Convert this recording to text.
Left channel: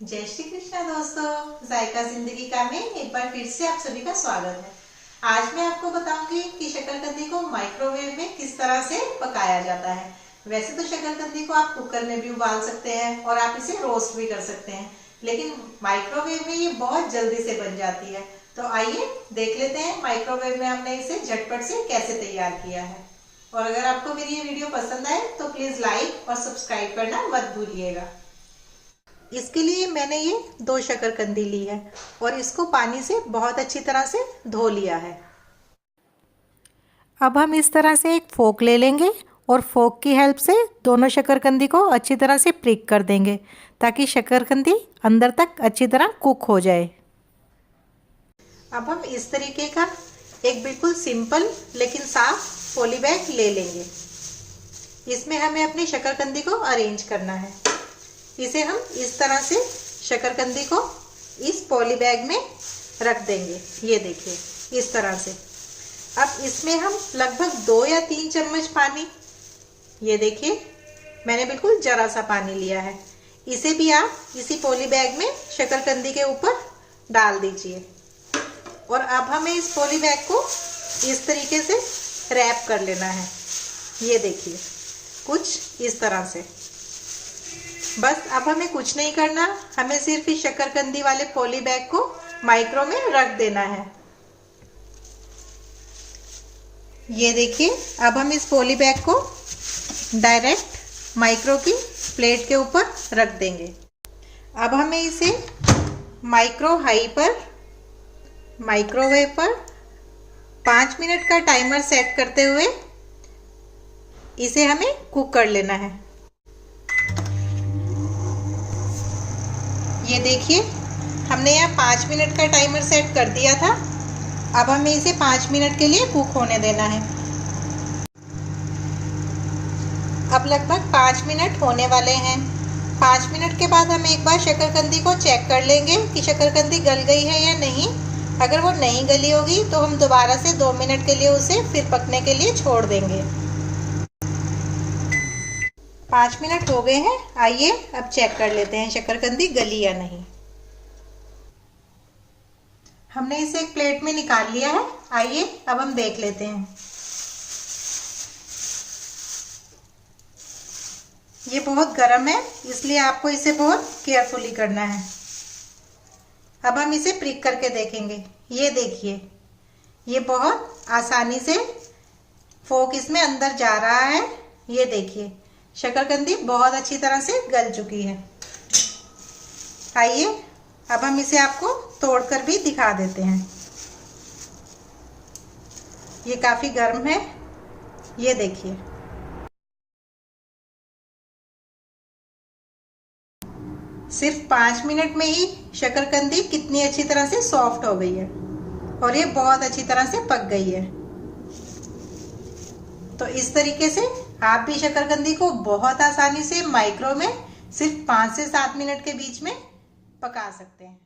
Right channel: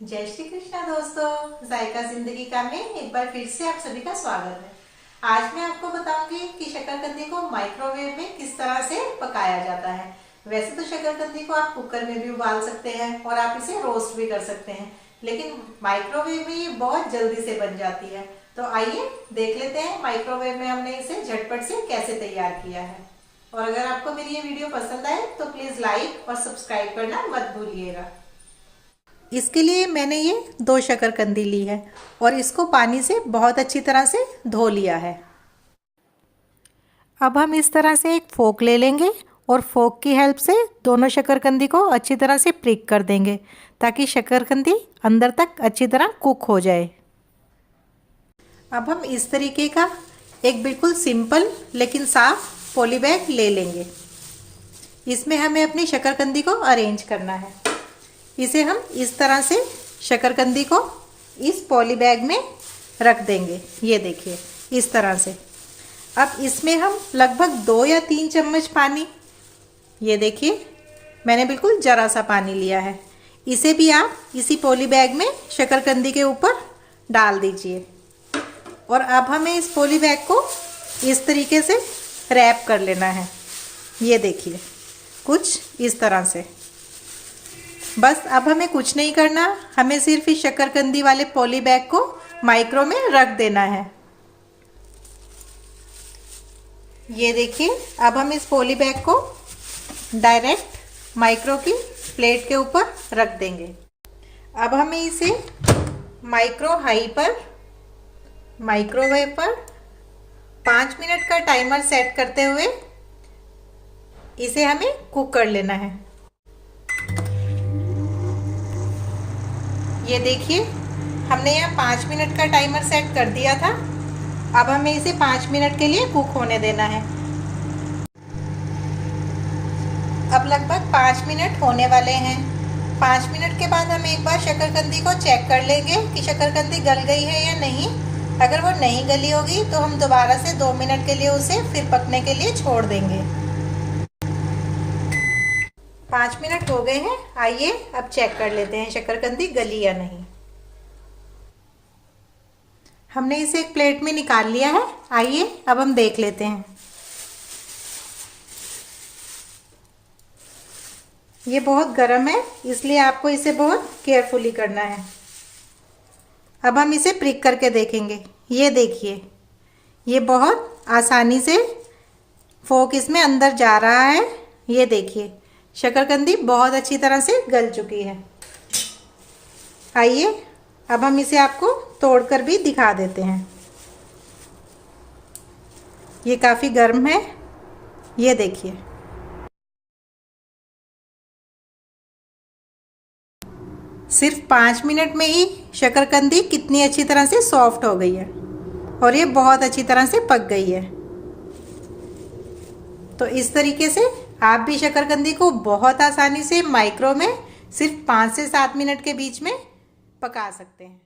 जय श्री कृष्णा दोस्तों, जायका जिंदगी का में एक बार फिर से आप सभी का स्वागत है। आज मैं आपको बताऊंगी कि शकरकंदी को माइक्रोवेव में किस तरह से पकाया जाता है। वैसे तो शकरकंदी को आप कुकर में भी उबाल सकते हैं और आप इसे रोस्ट भी कर सकते हैं, लेकिन माइक्रोवेव में ये बहुत जल्दी से बन जाती है। तो आइए देख लेते हैं माइक्रोवेव में हमने इसे झटपट से कैसे तैयार किया है। और अगर आपको मेरी ये वीडियो पसंद आए तो प्लीज लाइक और सब्सक्राइब करना मत भूलिएगा। इसके लिए मैंने ये 2 शकरकंदी ली है और इसको पानी से बहुत अच्छी तरह से धो लिया है। अब हम इस तरह से एक फोक ले लेंगे और फोक की हेल्प से दोनों शकरकंदी को अच्छी तरह से प्रिक कर देंगे ताकि शकरकंदी अंदर तक अच्छी तरह कुक हो जाए। अब हम इस तरीके का एक बिल्कुल सिंपल लेकिन साफ पॉली बैग ले लेंगे। इसमें हमें अपनी शकरकंदी को अरेंज करना है। इसे हम इस तरह से शकरकंदी को इस पॉली बैग में रख देंगे। ये देखिए इस तरह से। अब इसमें हम लगभग 2 या 3 चम्मच पानी, ये देखिए मैंने बिल्कुल जरा सा पानी लिया है, इसे भी आप इसी पॉली बैग में शकरकंदी के ऊपर डाल दीजिए। और अब हमें इस पॉली बैग को इस तरीके से रैप कर लेना है। ये देखिए कुछ इस तरह से। बस अब हमें कुछ नहीं करना, हमें सिर्फ इस शकरकंदी वाले पॉली बैग को माइक्रो में रख देना है। ये देखिए अब हम इस पॉली बैग को डायरेक्ट माइक्रो की प्लेट के ऊपर रख देंगे। अब हमें इसे माइक्रो हाई पर माइक्रोवेव पर 5 मिनट का टाइमर सेट करते हुए इसे हमें कुक कर लेना है। ये देखिए हमने यहाँ 5 मिनट का टाइमर सेट कर दिया था। अब हमें इसे 5 मिनट के लिए कुक होने देना है। अब लगभग 5 मिनट होने वाले हैं। 5 मिनट के बाद हम एक बार शकरकंदी को चेक कर लेंगे कि शकरकंदी गल गई है या नहीं। अगर वो नहीं गली होगी तो हम दोबारा से 2 मिनट के लिए उसे फिर पकने के लिए छोड़ देंगे। 5 मिनट हो गए हैं। आइए अब चेक कर लेते हैं शकरकंदी गली या नहीं। हमने इसे एक प्लेट में निकाल लिया है। आइए अब हम देख लेते हैं। ये बहुत गर्म है, इसलिए आपको इसे बहुत केयरफुली करना है। अब हम इसे प्रिक करके देखेंगे। ये देखिए ये बहुत आसानी से फोक इसमें अंदर जा रहा है। ये देखिए शकरकंदी बहुत अच्छी तरह से गल चुकी है। आइए अब हम इसे आपको तोड़कर भी दिखा देते हैं। ये काफी गर्म है। ये देखिए सिर्फ 5 मिनट में ही शकरकंदी कितनी अच्छी तरह से सॉफ्ट हो गई है और ये बहुत अच्छी तरह से पक गई है। तो इस तरीके से आप भी शकरकंदी को बहुत आसानी से माइक्रो में सिर्फ 5 से 7 मिनट के बीच में पका सकते हैं।